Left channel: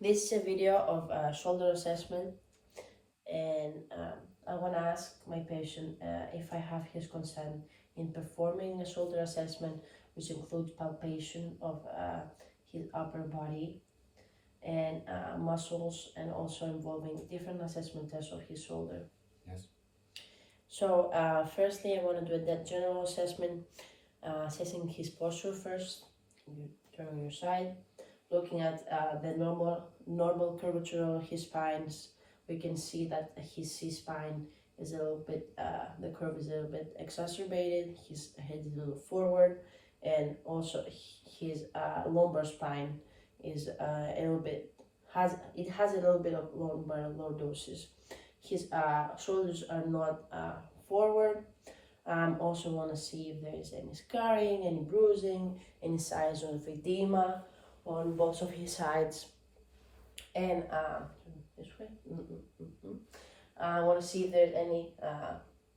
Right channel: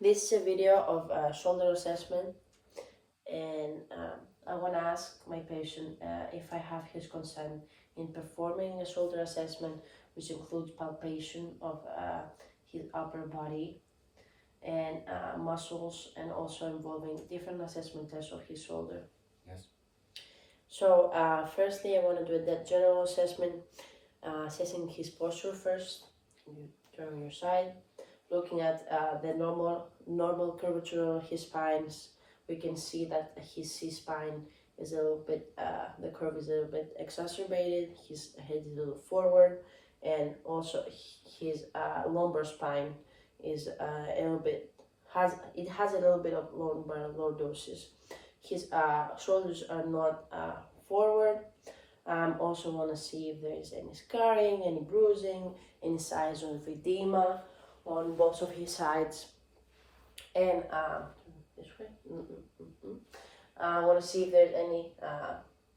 This is a video of shoulder assessment, and I want to ask my patient if I have his consent in performing a shoulder assessment, which includes palpation of his upper body and muscles, and also involving different assessment tests of his shoulder. Yes. So firstly, I want to do that general assessment, assessing his posture first. You turn on your side, looking at the normal curvature of his spines. We can see that his C-spine is a little bit, the curve is a little bit exacerbated. His head is a little forward, and also his lumbar spine is a little bit has a little bit of lumbar lordosis. His shoulders are not forward. Also want to see if there is any scarring, any bruising, any signs of edema on both of his sides. And this way. I want to see if there's any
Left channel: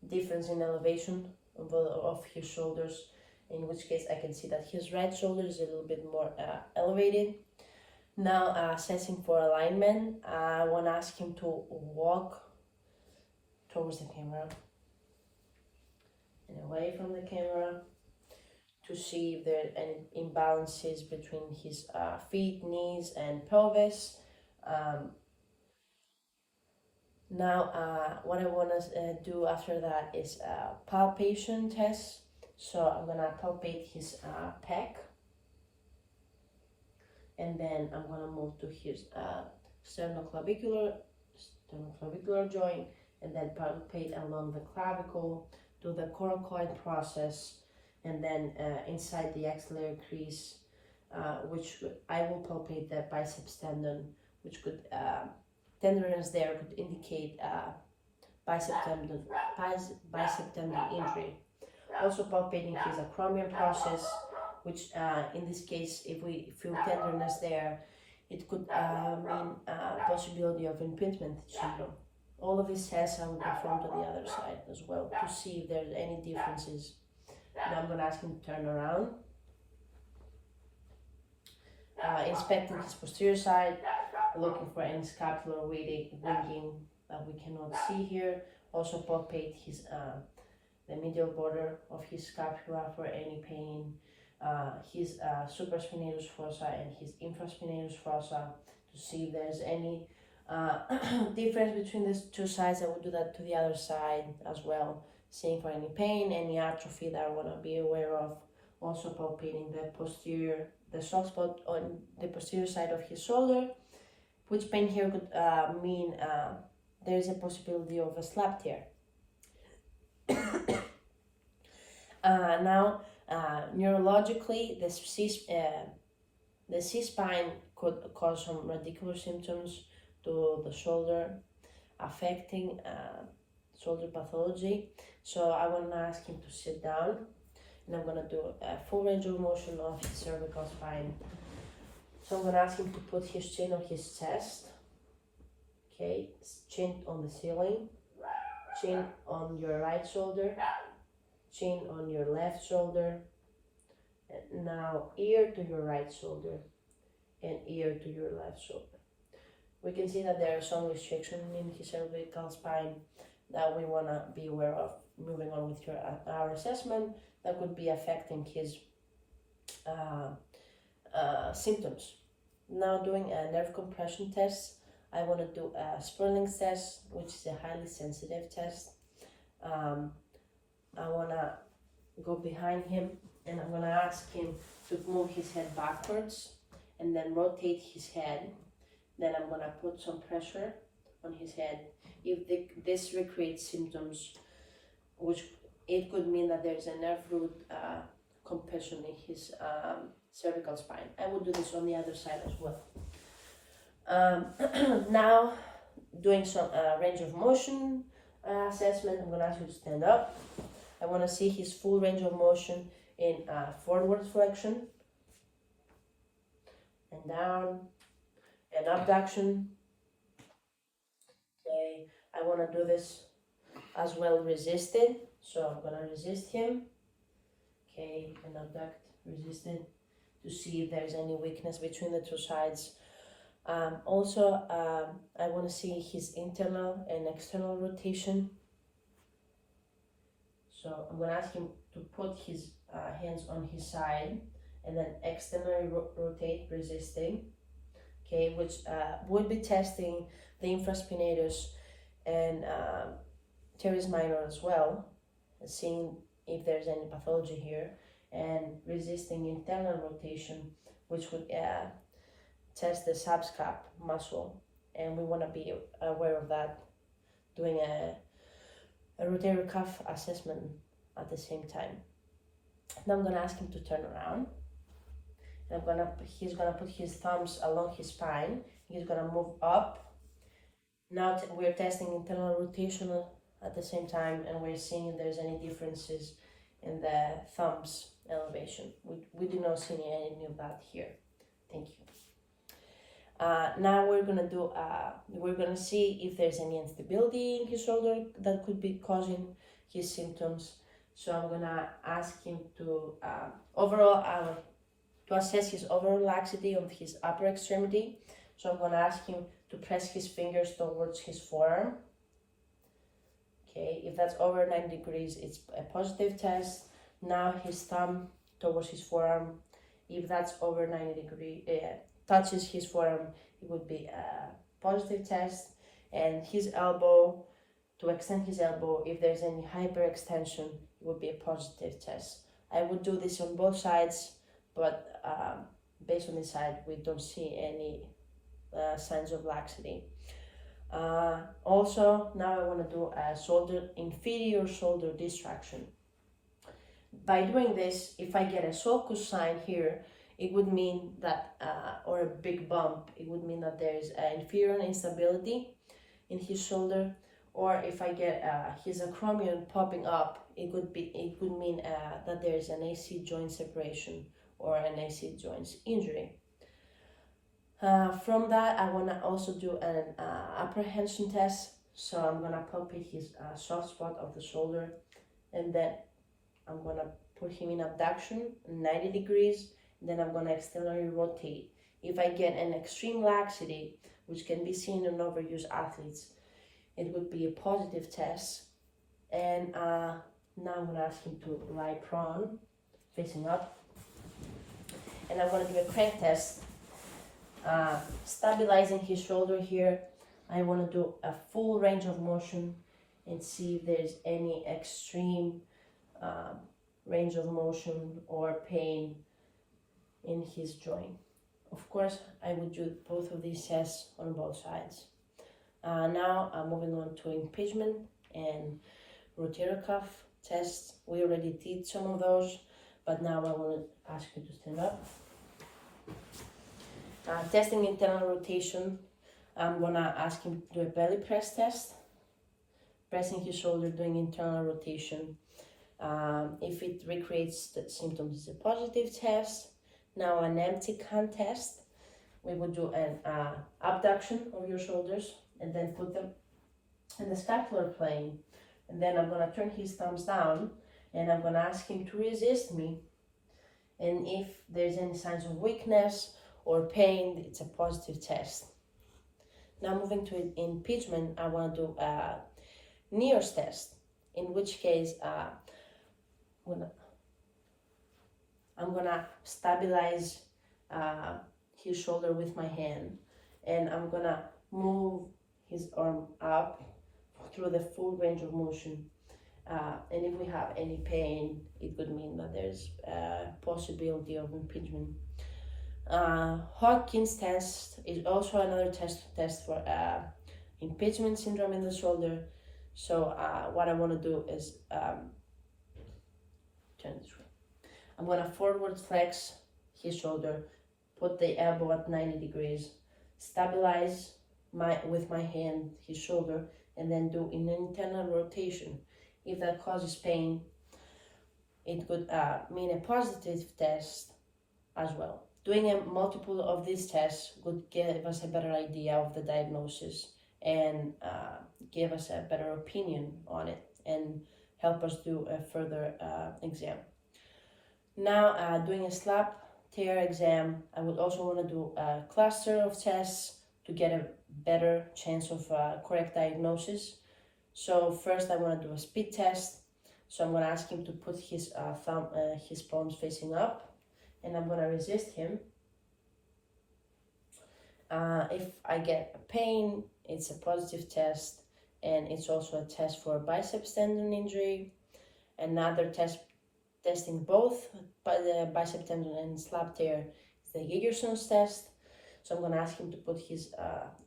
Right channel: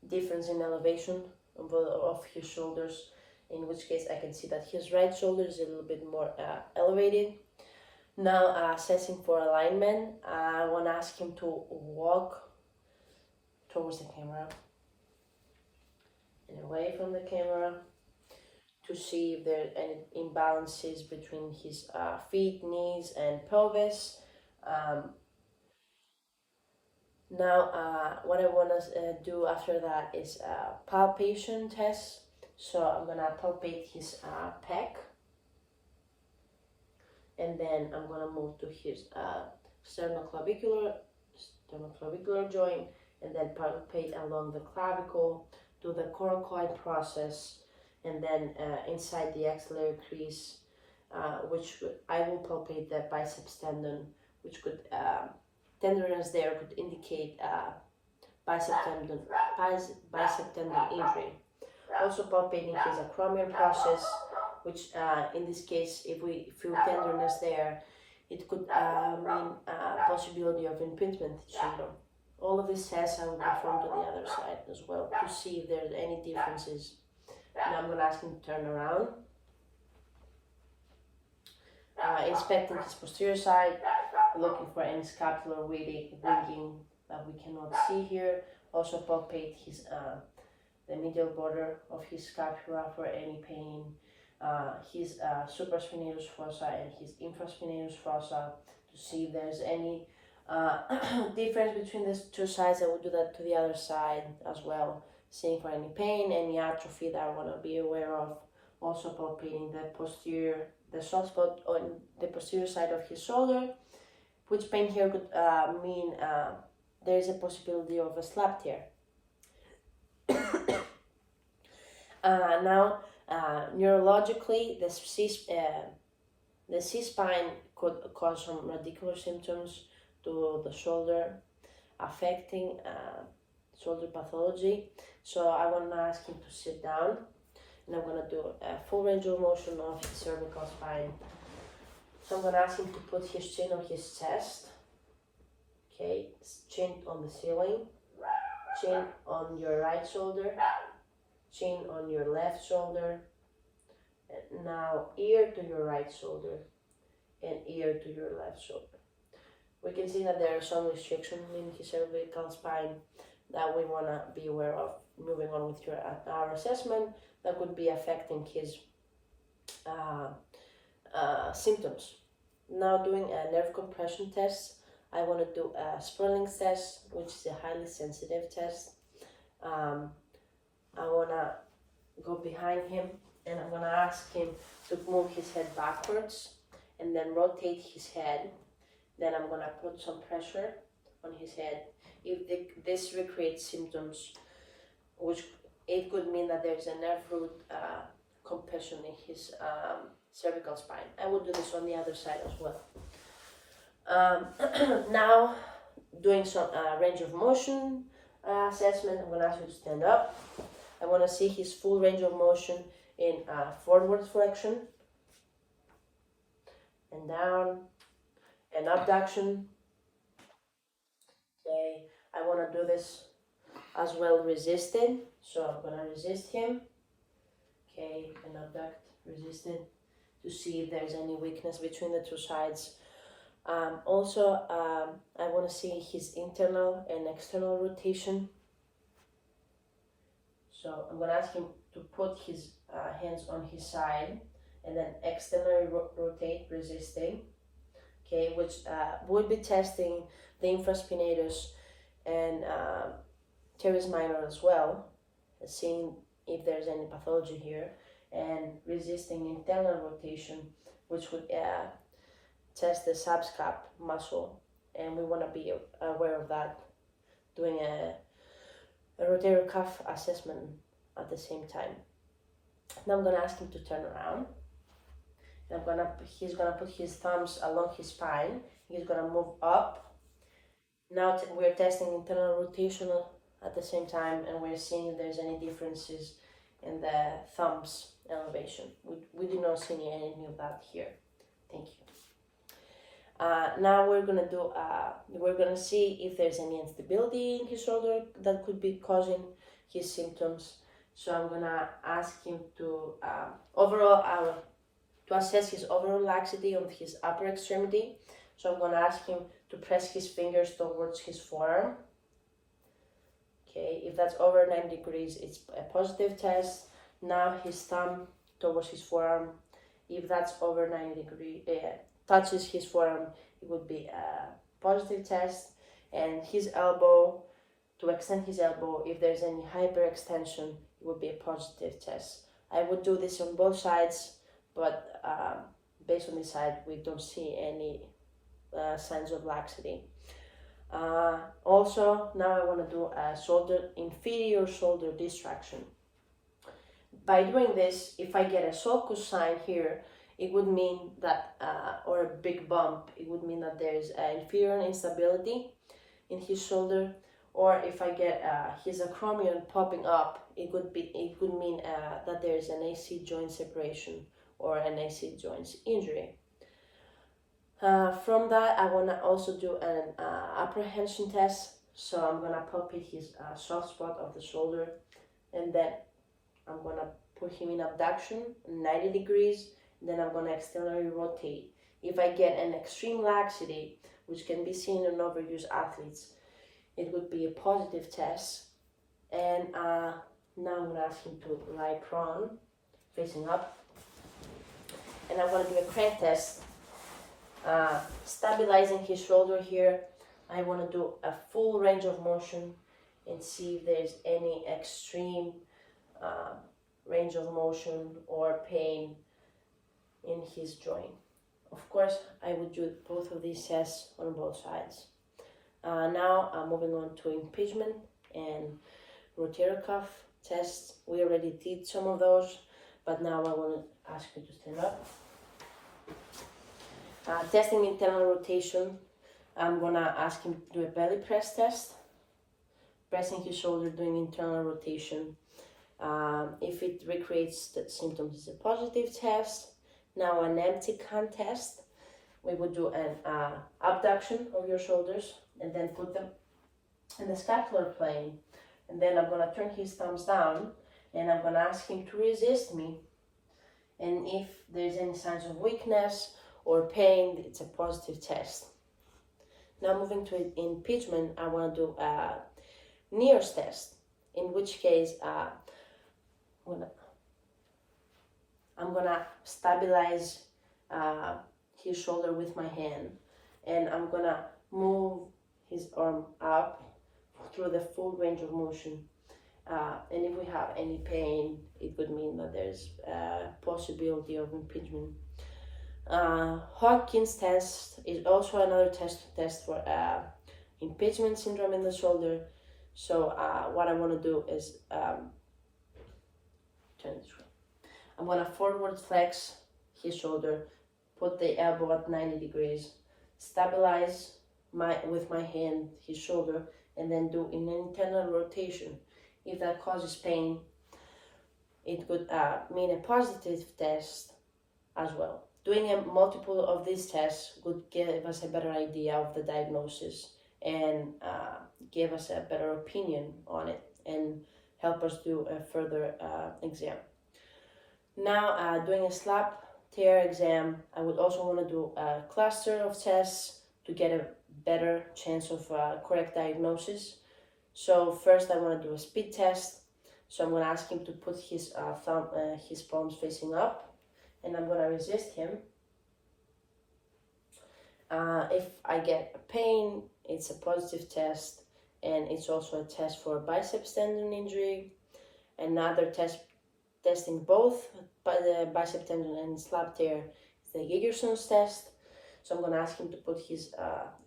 difference in elevation of his shoulders, in which case I can see that his right shoulder is a little bit more elevated. Now assessing for alignment, I want to ask him to walk towards the camera and away from the camera to see if there are any imbalances between his feet, knees, and pelvis. Now, what I want to do after that is a palpation test. So I'm gonna palpate his pec, and then I'm gonna move to his sternoclavicular joint, and then palpate along the clavicle, do the coracoid process, and then inside the axillary crease, which I will palpate the biceps tendon, which could tenderness there could indicate bicep tendon injury. Also palpating his acromion process, which in this case, if we feel tenderness there, it could mean possibility of impingement syndrome. All of these tests I will perform to the other side as well to see if there's any differences. Now I'm going to ask him to turn around. Inspecting his posterior side, looking for any scapular winging that we cannot see here. Also palpate his the medial border of his scapula for any pain, his supraspinatus fossa and his infraspinatus fossa to see if there's any difference between these two sides. I will do that to the other side as well, seeing for any pain, any atrophy that I want to be aware of. Also palpating the soft spot on the posterior side of his shoulder, which pain here could mean there is a possibility of a slap tear. Now, neurologically, the C-spine could cause some radicular symptoms to the shoulder, affecting shoulder pathology. So I want to ask him to sit down, and I'm going to do a full range of motion of his cervical spine. So I'm going to ask him to put his chin on his chest. Okay, chin on the ceiling, chin on your right shoulder, chin on your left shoulder. And now ear to your right shoulder and ear to your left shoulder. We can see that there are some restrictions in his cervical spine that we want to be aware of. Moving on with our assessment, that could be affecting his symptoms. Now doing a nerve compression test, I want to do a Sperling's test, which is a highly sensitive test. I want to go behind him, and I'm going to ask him to move his head backwards and then rotate his head. Then I'm going to put some pressure on his head. If this recreates symptoms, which it could mean that there's a nerve root compression in his cervical spine. I will do this on the other side as well. Now, doing some range of motion assessment, I'm going to ask you to stand up. I want to see his full range of motion in forward flexion and down and abduction. Okay, I want to do this as well resisted, so I'm going to resist him. Okay, and abduct, resisted, to see if there's any weakness between the two sides Also, I want to see his internal and external rotation. So I'm going to ask him to put his hands on his side and then externally rotate, resisting. Okay, which would be testing the infraspinatus and teres minor as well, seeing if there's any pathology here, and resisting internal rotation, which would test the subscap muscle, and we want to be aware of that, doing a rotator cuff assessment at the same time. Now I'm going to ask him to turn around. He's gonna put his thumbs along his spine. He's gonna move up. Now we're testing internal rotation at the same time, and we're seeing if there's any differences in the thumbs elevation. We did not see any of that here. Thank you. Now we're gonna see if there's any instability in his shoulder that could be causing his symptoms. So I'm gonna ask him to assess his overall laxity on his upper extremity. So I'm going to ask him to press his fingers towards his forearm. Okay, if that's over 90 degrees, it's a positive test. Now his thumb towards his forearm. If that's over 90 degrees, touches his forearm, it would be a positive test. And his elbow, to extend his elbow, if there's any hyperextension, it would be a positive test. I would do this on both sides, but based on this side, we don't see any signs of laxity. Also, now I want to do a inferior shoulder distraction. By doing this, if I get a sulcus sign here, it would mean that, or a big bump, it would mean that there's inferior instability in his shoulder. Or if I get his acromion popping up, it could mean that there's an AC joint separation or an AC joint injury. From that, I want to also do an apprehension test. So I'm going to palpate his soft spot of the shoulder, and then I'm going to put him in abduction 90 degrees. Then I'm going to externally rotate. If I get an extreme laxity, which can be seen in overuse athletes, it would be a positive test. And now I'm going to ask him to lie prone, facing up. And I'm going to do a crank test, stabilizing his shoulder here. I want to do a full range of motion and see if there's any extreme range of motion or pain in his joint. Of course, I would do both of these tests on both sides. Now I'm moving on to impingement and rotator cuff tests. We already did some of those, but now I want to ask you to stand up. Testing internal rotation, I'm going to ask him to do a belly press test, pressing his shoulder, doing internal rotation. If it recreates the symptoms, it's a positive test. Now an empty can test, we would do an abduction of your shoulders and then put them in the scapular plane. And then I'm going to turn his thumbs down and I'm going to ask him to resist me. And if there's any signs of weakness or pain, it's a positive test. Now moving to impingement, I want to do a NIOS test, in which case I'm gonna stabilize his shoulder with my hand, and I'm gonna move his arm up through the full range of motion. And if we have any pain, it could mean that there's a possibility of impingement. Hodgkin's test is also another test for impingement syndrome in the shoulder. So what I want to do is turn this way. I'm going to forward flex his shoulder, put the elbow at 90 degrees, stabilize with my hand his shoulder, and then do an internal rotation. If that causes pain, it could mean a positive test as well. Doing a multiple of these tests would give us a better idea of the diagnosis and give us a better opinion on it and help us do a further exam. Now doing a slap tear exam, I would also want to do a cluster of tests to get a better chance of correct diagnosis. So first I want to do a speed test. So I'm going to ask him to put his his palms facing up, and I'm going to resist him. If I get a pain, it's a positive test, and it's also a test for biceps tendon injury. Another test testing both by the bicep tendon and slap tear is the Gigerson's test. So I'm going to ask him to put his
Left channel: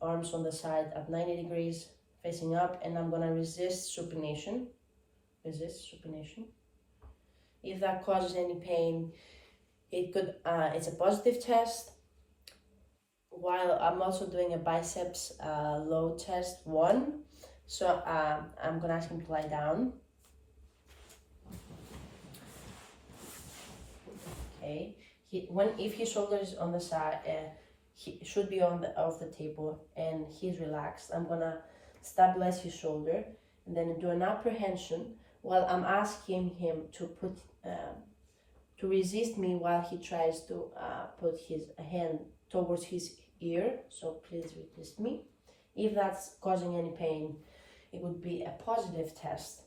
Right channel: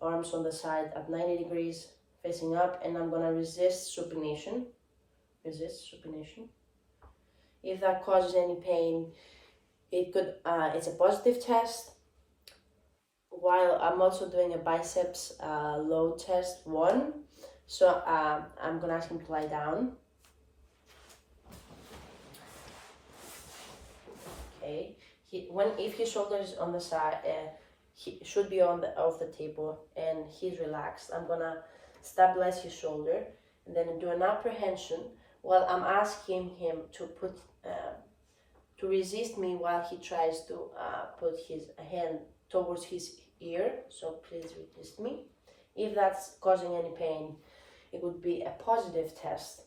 arms on the side at 90 degrees facing up, and I'm going to resist supination. If that causes any pain, it's a positive test. While I'm also doing a biceps load test 1. So I'm going to ask him to lie down. Okay. If his shoulder is on the side, he should be off the table, and he's relaxed. I'm gonna stabilize his shoulder, and then do an apprehension while I'm asking him to to resist me while he tries to put his hand towards his ear. So please resist me. If that's causing any pain, it would be a positive test.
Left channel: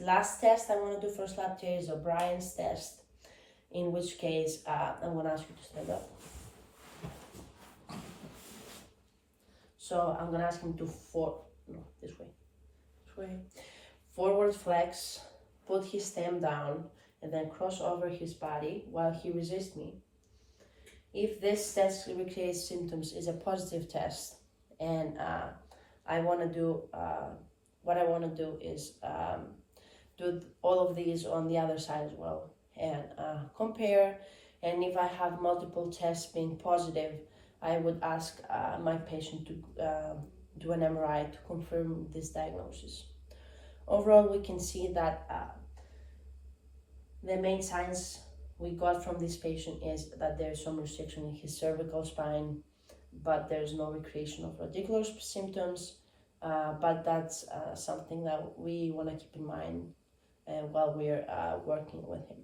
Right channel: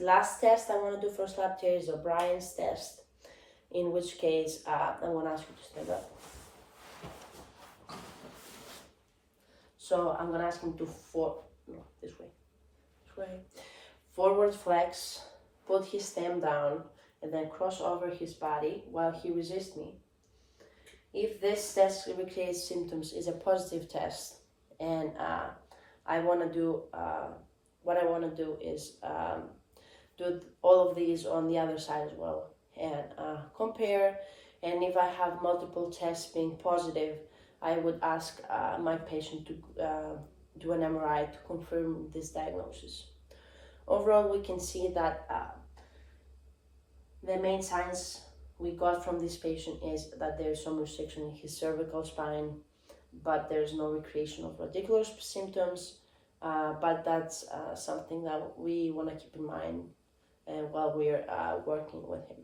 Last test I want to do for slap tear is O'Brien's test, in which case I'm going to ask you to stand up. So I'm going to ask him to this way, forward flex, put his stem down, and then cross over his body while he resists me. If this test recreates symptoms, is a positive test, and what I want to do is do all of these on the other side as well, and compare. And if I have multiple tests being positive, I would ask my patient to do an MRI to confirm this diagnosis. Overall, we can see that the main signs we got from this patient is that there's some restriction in his cervical spine, but there's no recreation of radicular symptoms. But that's something that we want to keep in mind while we're working with him.